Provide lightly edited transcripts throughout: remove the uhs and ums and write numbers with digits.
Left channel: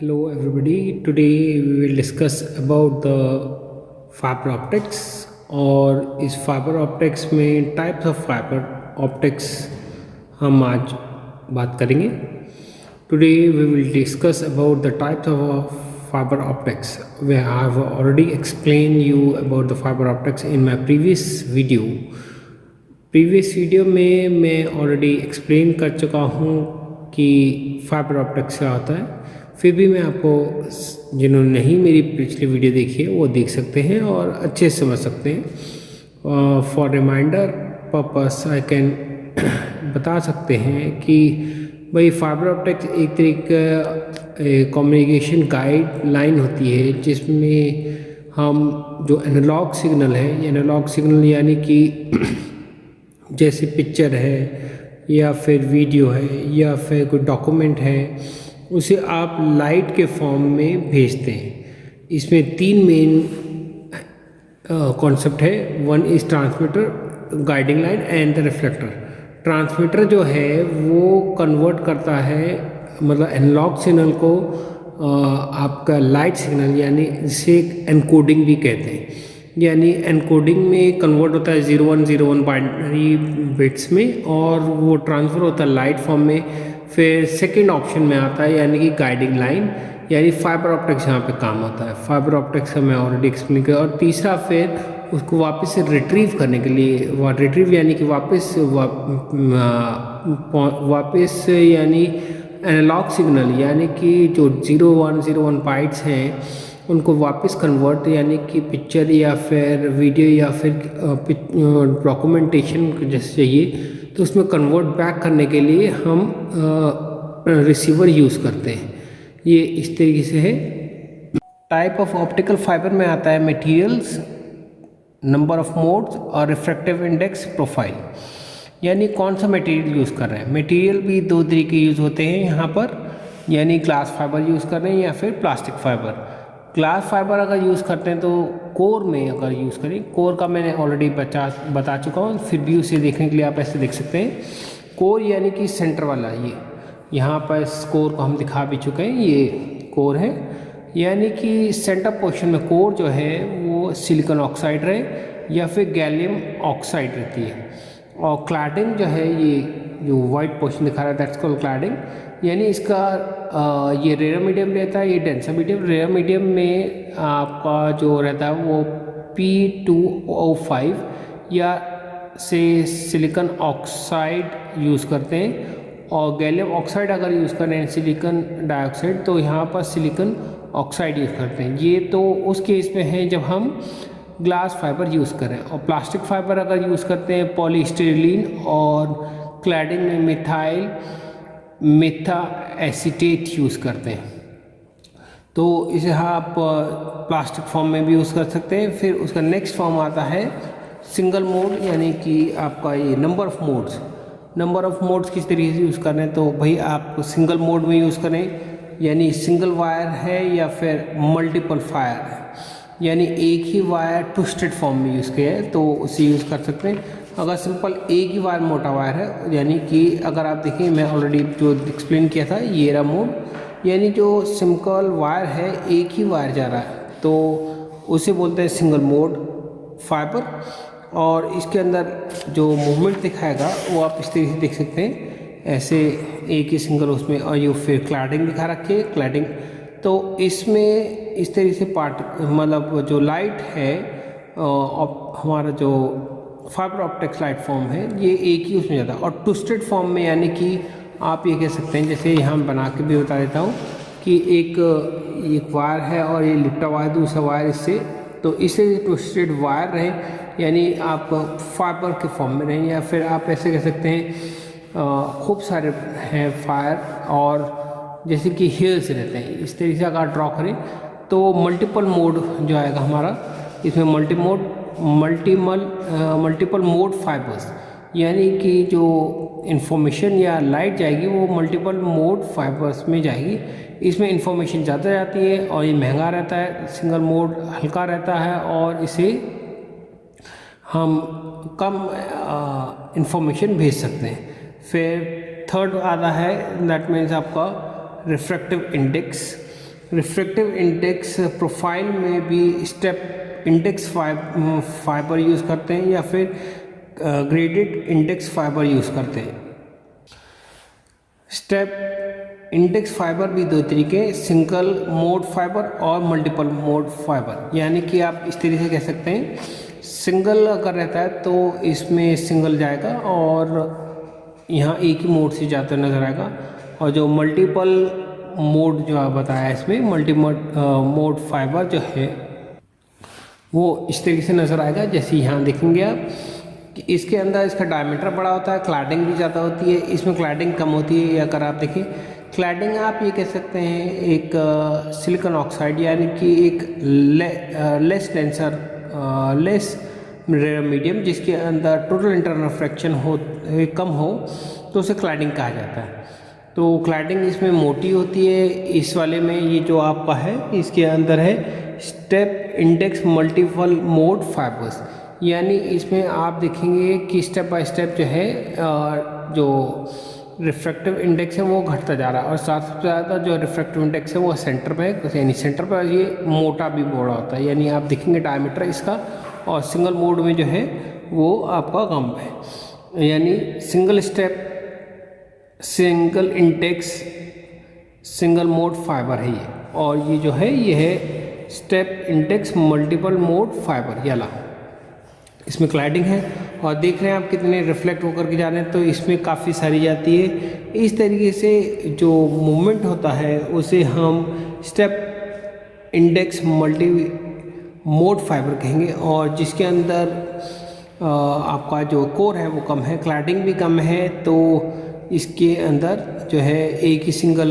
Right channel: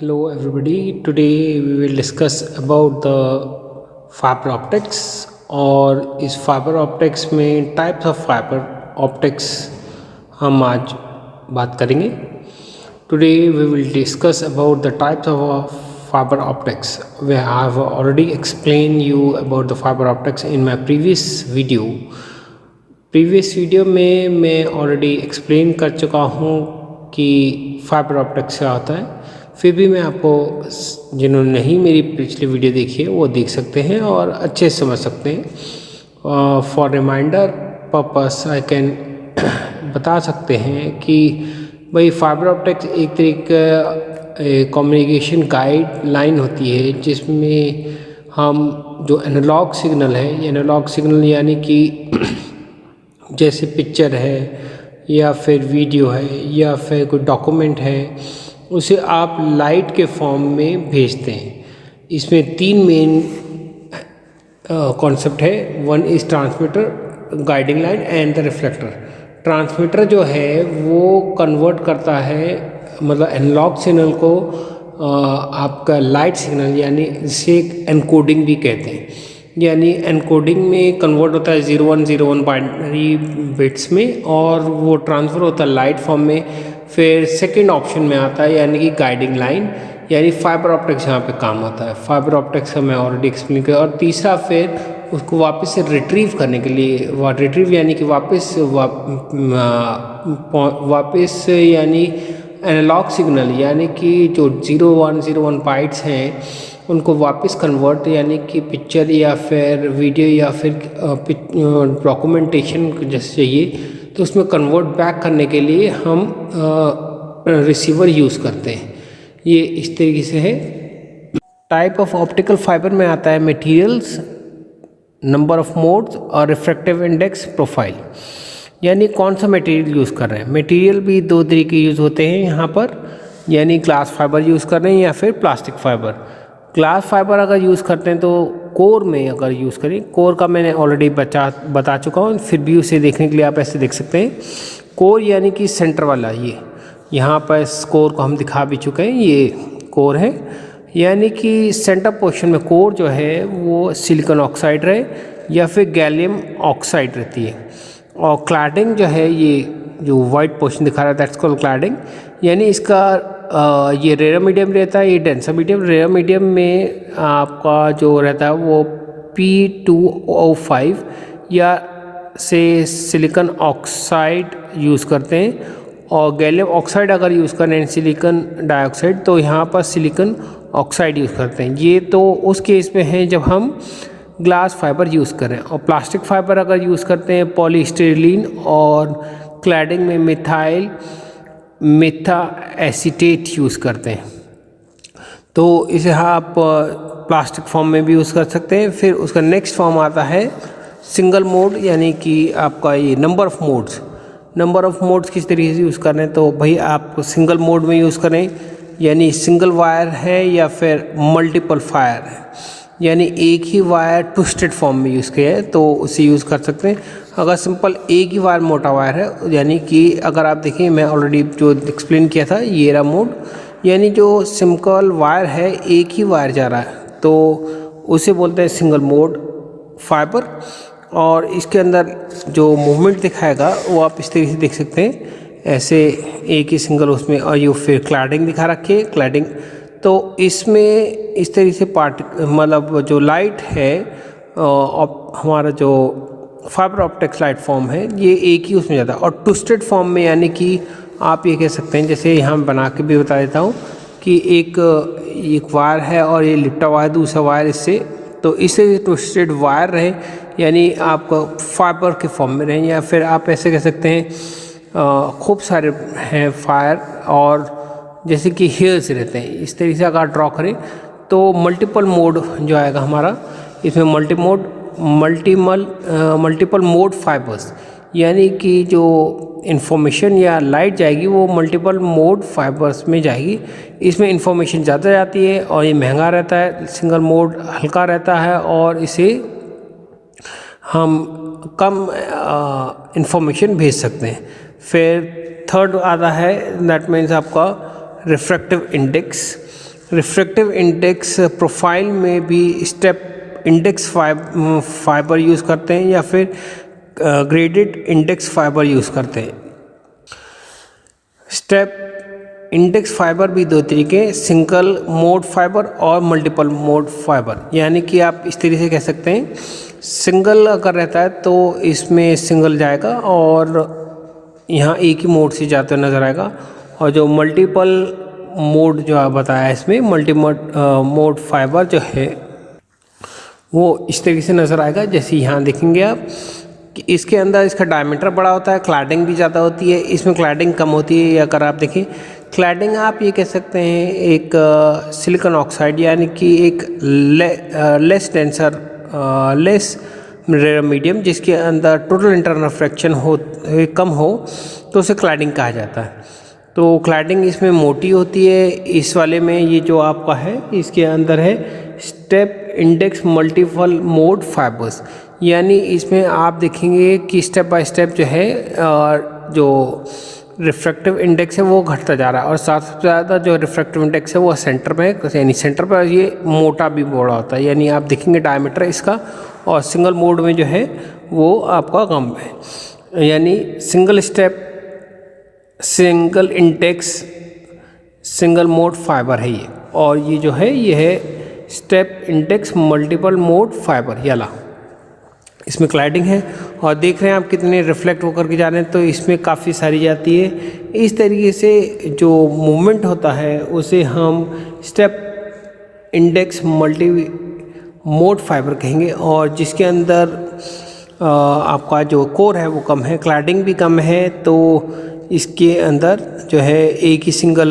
Hello everybody. Today we will discuss about the fiber optics और इस fibre optics में types of fibre optics हम आज बात करेंगे. Today we will discuss about the types of fiber optics. I have already explained you about the fiber optics in my previous video. Previous video में मैं already explain कर चुका हूँ कि फाइबर ऑप्टिक्स क्या होता है. फिर भी मैं आपको, जिन्होंने नहीं मेरी पिछली वीडियो देखी है वो देख सकते हैं और अच्छे से समझ सकते हैं. For reminder purpose I can बता सकते हैं कि भाई फाइबर ऑप्टिक्स एक तरीके कम्युनिकेशन गाइड लाइन होती है जिसमें हम जो एनालॉग सिग्नल है, एनालॉग सिग्नल यानी कि जैसे पिक्चर है या फिर वीडियो है या फिर कोई डॉक्यूमेंट है, उसे आप लाइट के फॉर्म में भेजते हैं. इसमें तीन मेन कॉन्सेप्ट है. One is transmitter, guiding line and the reflector. Transmitter जो है वो कन्वर्ट करता है, मतलब एनालॉग सिग्नल को आपका लाइट सिग्नल, यानी जिसे एनकोडिंग भी कहते हैं. यानी एनकोडिंग में कन्वर्ट होता है 0101 बाइनरी बिट्स में और वो ट्रांसफ़र होता है लाइट फॉर्म में. फिर सेकंड ऑप्शन में आता है यानी कि गाइडिंग लाइन, यानी फाइबर ऑप्टिक्स यहाँ पे काम आता है. फाइबर ऑप्टिक्स का मैं ऑलरेडी एक्सप्लेन किया. और तीसरा फिर उसको वापस से रिट्रीव करने के लिए, रिट्रीव यानी कि वापस यानी एनालॉग सिग्नल यानी कि जो 0101 बाइट्स हैं उनको वापस कन्वर्ट, यानी कि पिक्चर या फिर वीडियो या फिर डॉक्यूमेंटेशन जैसे चाहिए तो उसमें कन्वर्ट बैक करने के लिए हम रिसीवर यूज़ करते हैं. ये इस तरीके से है. टाइप ऑफ ऑप्टिकल फाइबर में आता है मटेरियल्स, नंबर ऑफ मोड्स और रिफ्रैक्टिव इंडेक्स, प्रोफाइल. यानी कौन सा मटेरियल यूज़ कर रहे हैं. मटेरियल भी दो तरीके यूज़ होते हैं यहाँ पर, यानी ग्लास फाइबर यूज़ कर रहे हैं या फिर प्लास्टिक फाइबर. ग्लास फाइबर अगर यूज़ करते हैं तो कोर में अगर यूज़ करें, कोर का मैंने ऑलरेडी बता चुका हूँ. फिर भी उसे देखने के लिए आप ऐसे देख सकते हैं. कोर यानी कि सेंटर वाला, ये यहाँ पर इस कोर को हम दिखा भी चुके हैं, ये कोर है. यानी कि सेंटर पोर्शन में कोर जो है वो सिलिकॉन ऑक्साइड रहे या फिर गैलियम ऑक्साइड रहती है. और क्लैडिंग जो है, ये जो वाइट पोर्शन दिखा रहा है दैट्स कॉल्ड क्लैडिंग. यानी इसका ये रेयर मीडियम रहता है, ये डेंसर मीडियम. रेयर मीडियम में आपका जो रहता है वो P2O5 या से सिलिकॉन ऑक्साइड यूज़ करते हैं. और गैलियम ऑक्साइड अगर यूज़ करें सिलिकॉन डाइऑक्साइड तो यहाँ पर सिलिकॉन ऑक्साइड यूज़ करते हैं. ये तो उस केस में है जब हम ग्लास फाइबर यूज़ करें. और प्लास्टिक फाइबर अगर यूज़ करते हैं पॉलीस्टाइरीन, और क्लैडिंग में मेथा एसीटेट यूज़ करते हैं. तो इसे आप प्लास्टिक फॉर्म में भी यूज़ कर सकते हैं. फिर उसका नेक्स्ट फॉर्म आता है सिंगल मोड, यानी कि आपका ये number of modes. Number of modes किस तरीके से यूज़ करें, तो भाई आप सिंगल मोड में यूज़ करें, यानी सिंगल वायर है या फिर मल्टीपल फायर है, यानी एक ही वायर ट्विस्टेड फॉर्म में यूज़ किया है तो उसे यूज़ कर सकते हैं. अगर सिंपल एक ही वायर मोटा वायर है, यानी कि अगर आप देखें मैं ऑलरेडी जो एक्सप्लेन किया था ये रहा मोड, यानी जो सिंपल वायर है एक ही वायर जा रहा है तो उसे बोलते हैं सिंगल मोड फाइबर. और इसके अंदर जो मूवमेंट दिखाएगा वो आप इस तरीके से देख सकते हैं, ऐसे एक ही सिंगल उसमें. और ये फिर क्लैडिंग दिखा रखी है, क्लैडिंग. तो इसमें इस तरीके से मतलब जो लाइट है हमारा जो फाइबर ऑप्टिक्स लाइट फॉर्म है ये एक ही उसमें जाता है. और ट्विस्टेड फॉर्म में, यानी कि आप ये कह सकते हैं, जैसे यहाँ बना के भी बता देता हूँ कि एक वायर है और ये लिपटा हुआ है दूसरा वायर इससे, तो इससे ट्विस्टेड वायर रहे, यानी आप फाइबर के फॉर्म में रहें. या फिर आप ऐसे कह सकते हैं खूब सारे हैं फायर, और जैसे कि हेयर्स रहते हैं, इस तरीके से अगर ड्रॉ करें तो मल्टीपल मोड जो आएगा हमारा, इसमें मल्टीपल मोड फाइबर्स, यानी कि जो इन्फॉर्मेशन या लाइट जाएगी वो मल्टीपल मोड फाइबर्स में जाएगी. इसमें इन्फॉर्मेशन ज़्यादा जाती है और ये महंगा रहता है. सिंगल मोड हल्का रहता है और इसे हम कम इन्फॉर्मेशन भेज सकते हैं. फिर थर्ड आता है दैट मीन्स आपका refractive index. Refractive index profile में भी स्टेप इंडेक्स फाइबर यूज़ करते हैं या फिर ग्रेडेड इंडेक्स फाइबर यूज़ करते हैं। स्टेप इंडेक्स फाइबर भी दो तरीके, सिंगल मोड फाइबर और मल्टीपल मोड फाइबर। यानी कि आप इस तरीके से कह सकते हैं, सिंगल अगर रहता है तो इसमें सिंगल जाएगा और यहाँ एक ही मोड से जाते नज़र आएगा, और जो मल्टीपल मोड जो आप बताया इसमें मल्टी मोड फाइबर जो है वो इस तरीके से नज़र आएगा। जैसे यहाँ देखेंगे आप कि इसके अंदर इसका डायमीटर बड़ा होता है, क्लैडिंग भी ज़्यादा होती है, इसमें क्लैडिंग कम होती है। अगर आप देखें क्लैडिंग आप ये कह सकते हैं एक सिलिकॉन ऑक्साइड यानी कि एक लेस डेंसर लेस मीडियम जिसके अंदर टोटल इंटरनल रिफ्रैक्शन हो कम हो तो उसे क्लैडिंग कहा जाता है। तो क्लैडिंग इसमें मोटी होती है। इस वाले में ये जो आपका है इसके अंदर है step index multiple mode fibres, यानी इसमें आप देखेंगे कि स्टेप बाय स्टेप जो है जो रिफ्रैक्टिव इंडेक्स है वो घटता जा रहा है, और सबसे ज़्यादा जो रिफ्रैक्टिव इंडेक्स है वो सेंटर में, यानी सेंटर पर ये मोटा भी बड़ा होता है। यानी आप देखेंगे डायमीटर इसका, और सिंगल मोड में जो है वो आपका कम है। यानी single step single index single mode fibre है ये, और ये जो है ये है step index multiple mode fibre याला। इसमें क्लाइडिंग है और देख रहे हैं आप कितने रिफ्लेक्ट होकर के जा रहे हैं, तो इसमें काफ़ी सारी जाती है। इस तरीके से जो मूवमेंट होता है उसे हम step index multi mode fibre कहेंगे, और जिसके अंदर आपका जो कोर है वो कम है, क्लैडिंग भी कम है, तो इसके अंदर जो है एक ही सिंगल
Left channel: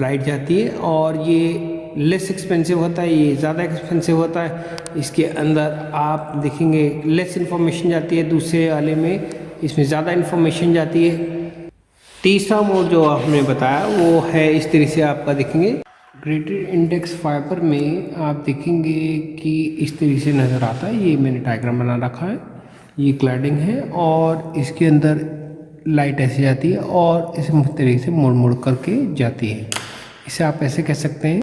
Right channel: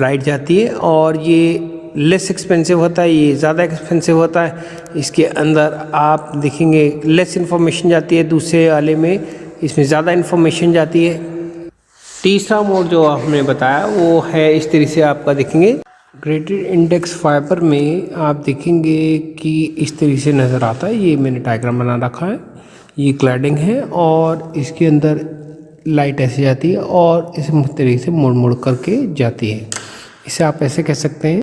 लाइट जाती है, और ये लेस एक्सपेंसिव होता है, ये ज़्यादा एक्सपेंसिव होता है। इसके अंदर आप देखेंगे लेस इन्फॉर्मेशन जाती है, दूसरे वाले में इसमें ज़्यादा इन्फॉर्मेशन जाती है। तीसरा मोड जो आपने बताया वो है इस तरीके से आपका देखेंगे ग्रेडेड इंडेक्स फाइबर में आप देखेंगे कि इस तरीके से नज़र आता है। ये मैंने डायग्राम बना रखा है, ये क्लैडिंग है और इसके अंदर लाइट ऐसे जाती है और इस तरीके से मुड़ मुड़ करके जाती है। इसे आप ऐसे कह सकते हैं,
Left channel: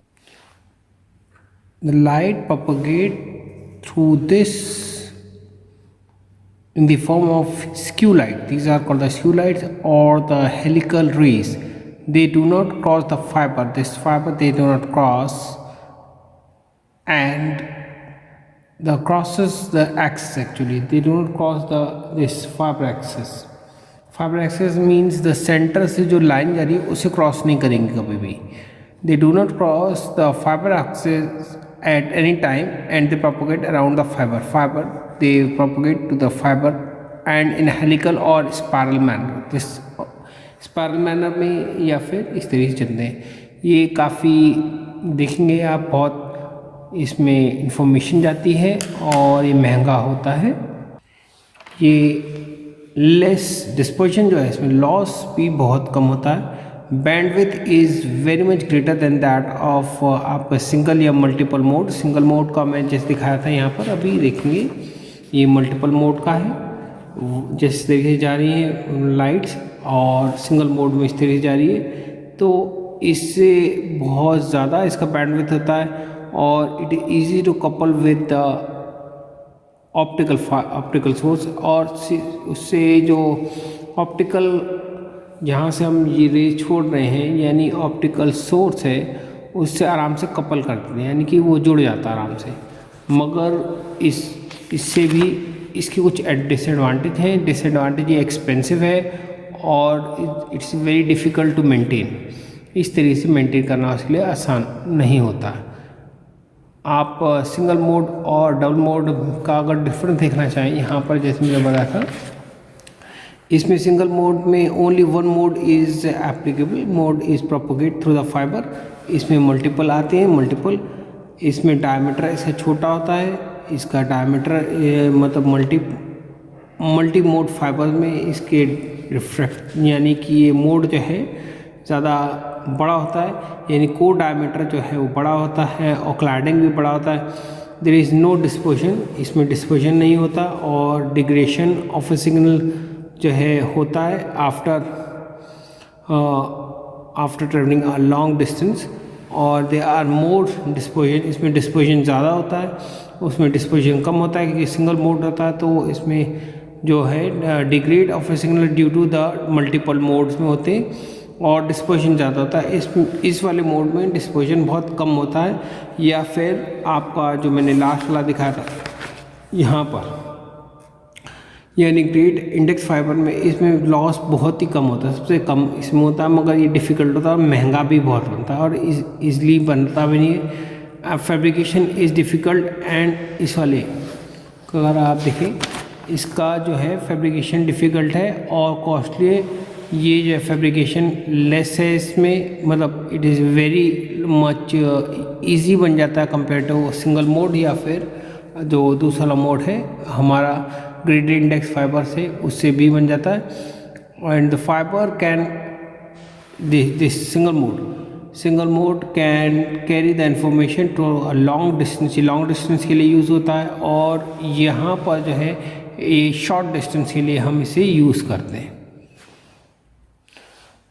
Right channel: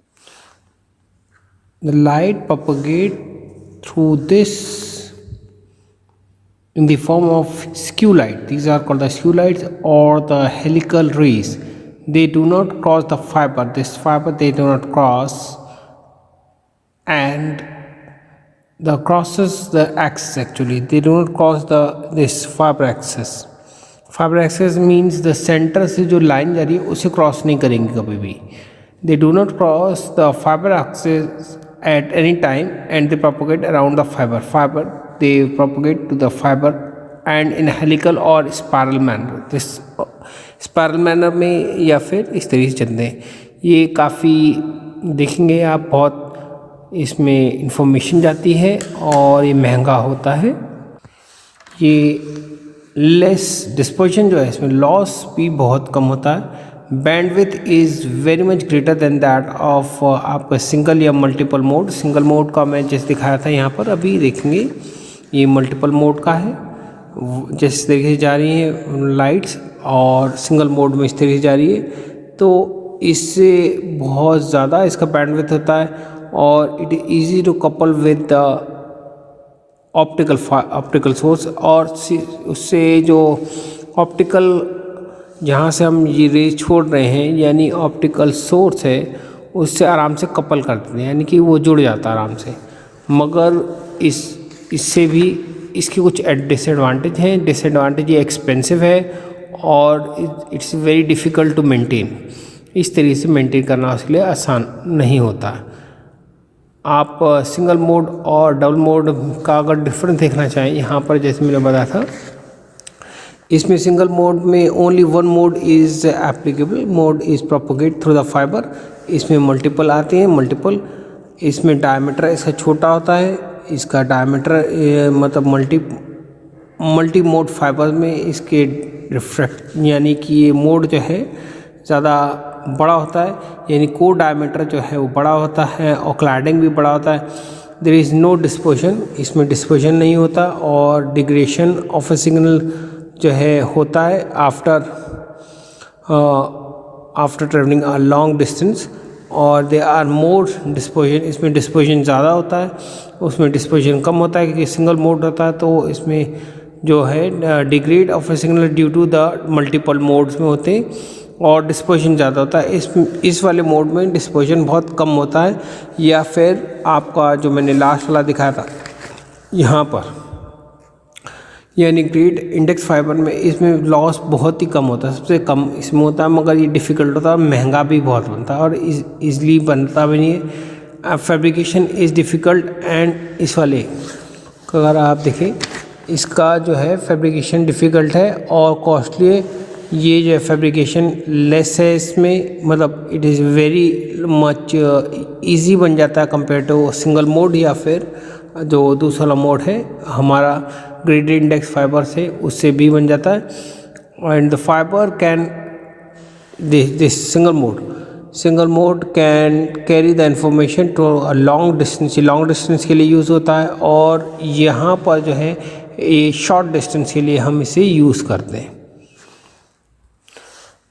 the light propagate through this in the form of skew light. These are called the skew lights or the helical rays. They do not cross the fiber. This fiber they do not cross, and the crosses the axis. Actually, they do not cross this fiber axis. Fiber axis means the center से जो line जा रही है उसे cross नहीं करेंगे कभी भी। They do not cross the fiber axis at any time and they propagate around the fiber. They propagate to the fiber and in helical or spiral manner. This spiral manner में या फिर इस तरीके से चलते हैं। ये काफ़ी देखेंगे आप, बहुत इसमें इंफॉर्मेशन जाती है और ये महंगा होता है। ये लेस डिस्पर्शन जो है इसमें लॉस भी बहुत कम होता है। Bandwidth is very much greater than that of आपका सिंगल या मल्टीपल मोड। सिंगल मोड का मैं जैसे दिखाया था यहाँ पर, अभी देखेंगे ये मल्टीपल मोड का है। जिस तरीके से जा रही है लाइट्स और सिंगल मोड में इस तरीके से जा रही है, तो इससे बहुत ज़्यादा इसका बैंडविड्थ होता है और it is easy to couple with the optical source, और उससे जो ऑप्टिकल जहाँ से हम ये रेज छोड़ रहे हैं यानी ऑप्टिकल सोर्स है उससे आराम से कपल करते हैं, यानी कि वो जुड़ जाता है आराम से। मगर इससे भी इसकी कुछ डिसएडवांटेज हैं। डिसएडवांटेज ये एक्सपेंसिव है और it's very difficult to maintain. इस तरीके से मेंटेन करना उसके लिए आसान नहीं होता। आप सिंगल मोड और डबल मोड का अगर डिफरेंस देखना चाहें, यहाँ पर जैसे मैंने बताया था, इसमें सिंगल मोड में only one mod is applicable, mode is propagate through the fibre. इसमें मल्टीपल आते हैं, मल्टीपल इसमें डायमीटर इसका छोटा होता है, इसका डायमीटर मतलब मल्टी मोड फाइबर में इसके रिफ्रैक्ट यानी कि ये मोड जो है ज़्यादा बड़ा होता है, यानी कोर डायमीटर जो है वो बड़ा होता है और क्लैडिंग भी बड़ा होता है। देयर इज़ नो डिस्पर्शन, इसमें डिस्पर्शन नहीं होता, और डिग्रेडेशन ऑफ ए सिग्नल जो है होता है आफ्टर ट्रेवलिंग अ लॉन्ग डिस्टेंस। और दे आर मोर डिस्पोजन, इसमें डिस्पोजन ज़्यादा होता है, उसमें डिस्पोजन कम होता है क्योंकि सिंगल मोड होता है। तो इसमें जो है degrade of a signal due to the multiple modes में होते हैं और डिस्पोजन ज़्यादा होता है। इस वाले मोड में डिस्पोजन बहुत कम होता है। या फिर आपका जो मैंने लास्ट वाला दिखाया था यहाँ पर, यानी ग्रेड इंडेक्स फाइबर में, इसमें लॉस बहुत ही कम होता है, सबसे कम इसमें होता है, मगर ये डिफ़िकल्ट होता है और महंगा भी बहुत बनता है और ईज़िली बनता भी नहीं है। फैब्रिकेशन इज़ डिफ़िकल्ट एंड इस वाले अगर आप देखें, इसका जो है फैब्रिकेशन डिफ़िकल्ट है और कॉस्टली है। ये जो है फैब्रिकेशन लेस है इसमें, मतलब it is very much easy बन जाता है कंपेयर टू सिंगल मोड या फिर जो दूसरा मोड है हमारा ग्रेडेड इंडेक्स फाइबर से, उससे भी बन जाता है। And the fibre can this single mode can carry the information to a long distance, long distance के लिए यूज़ होता है। और यहाँ पर जो है ये शॉर्ट डिस्टेंस के लिए हम इसे यूज़ करते हैं।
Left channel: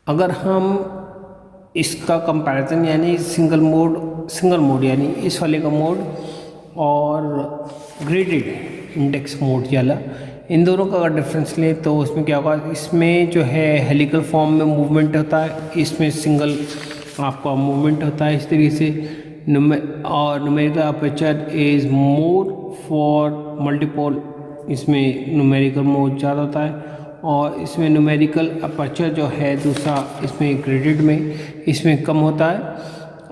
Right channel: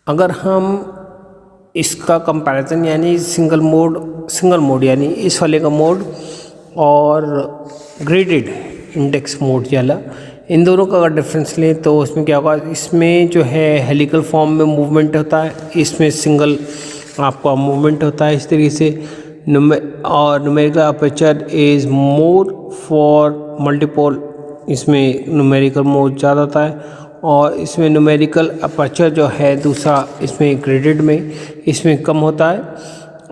अगर हम इसका कंपैरिजन यानी सिंगल मोड यानी इस वाले का मोड और ग्रेडेड इंडेक्स मोड वाला, इन दोनों का अगर डिफरेंस लें तो उसमें क्या होगा, इसमें जो है हेलिकल फॉर्म में मूवमेंट होता है, इसमें सिंगल आपका मूवमेंट होता है इस तरीके से। और numerical aperture is more for multiple, इसमें न्यूमेरिकल मोड ज़्यादा होता है। और इसमें न्यूमेरिकल अपर्चर जो है दूसरा इसमें ग्रेडेड में इसमें कम होता है।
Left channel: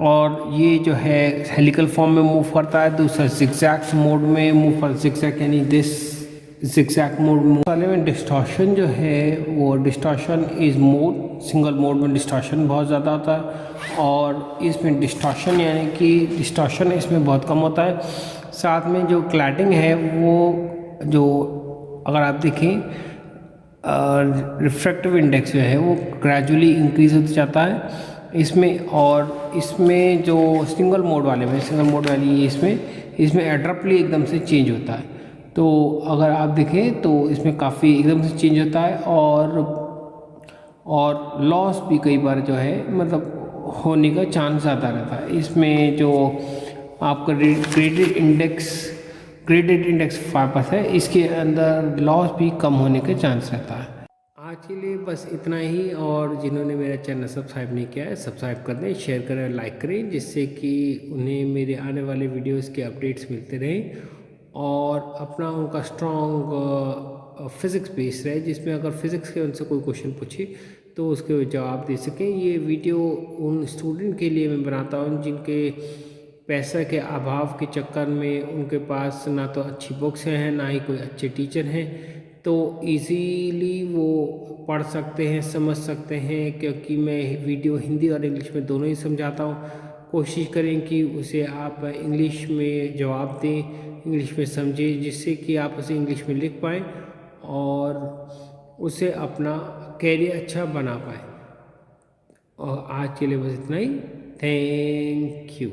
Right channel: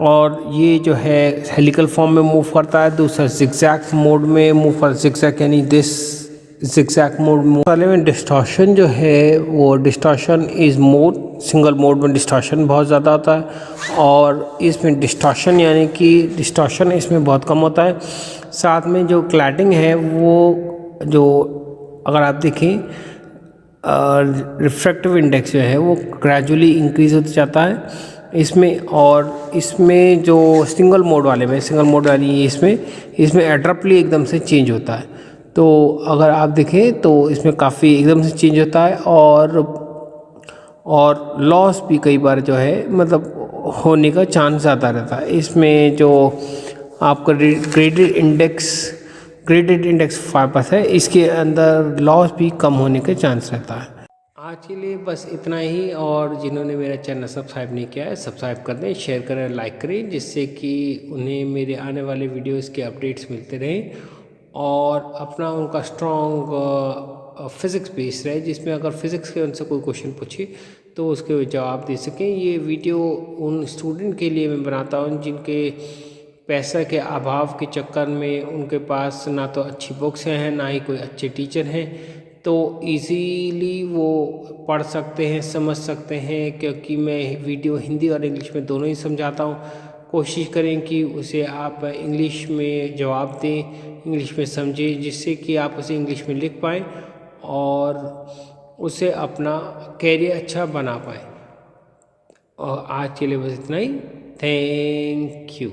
और ये जो है हेलिकल फॉर्म में मूव करता है, दूसरा जिगजैग मोड में मूव करता है, जिगजैग यानी दिस जिगजैग मोड वाले में डिस्टॉर्शन जो है वो distortion is more, single mode में डिस्टॉर्शन बहुत ज़्यादा होता है और इसमें डिस्टॉर्शन यानी कि डिस्टॉर्शन इसमें बहुत कम होता है। साथ में जो क्लैटिंग है वो जो अगर आप देखें रिफ्रैक्टिव इंडेक्स जो है वो ग्रेजुअली इंक्रीज होता जाता है इसमें। और इसमें जो सिंगल मोड वाली इसमें एड्रप्टली एकदम से चेंज होता है। तो अगर आप देखें तो इसमें काफ़ी एकदम से चेंज होता है और लॉस भी कई बार जो है मतलब होने का चांस ज़्यादा रहता है। इसमें जो आपका ग्रेडेड इंडेक्स फाइबर है, इसके अंदर लॉस भी कम होने के चांस रहता है। आज के लिए बस इतना ही। और जिन्होंने मेरा चैनल सब्सक्राइब नहीं किया है सब्सक्राइब कर दें, शेयर करें, लाइक करें, जिससे कि उन्हें मेरे आने वाले वीडियोस के अपडेट्स मिलते रहें और अपना उनका स्ट्रॉन्ग फिज़िक्स बेस रहे, जिसमें अगर फिज़िक्स के उनसे कोई क्वेश्चन पूछे तो उसके जवाब दे सकें। ये वीडियो उन स्टूडेंट के लिए मैं बनाता हूँ जिनके पैसा के अभाव के चक्कर में उनके पास ना तो अच्छी बुक्स हैं ना ही कोई अच्छे टीचर हैं, तो इजीली वो पढ़ सकते हैं, समझ सकते हैं, क्योंकि मैं वीडियो हिंदी और इंग्लिश में दोनों ही समझाता हूँ। कोशिश करें कि उसे आप इंग्लिश में जवाब दें, इंग्लिश में समझें, जिससे कि आप उसे इंग्लिश में लिख पाएँ और उसे अपना कैरियर अच्छा बना पाएँ। और आज के लिए बस इतना ही। Thank you.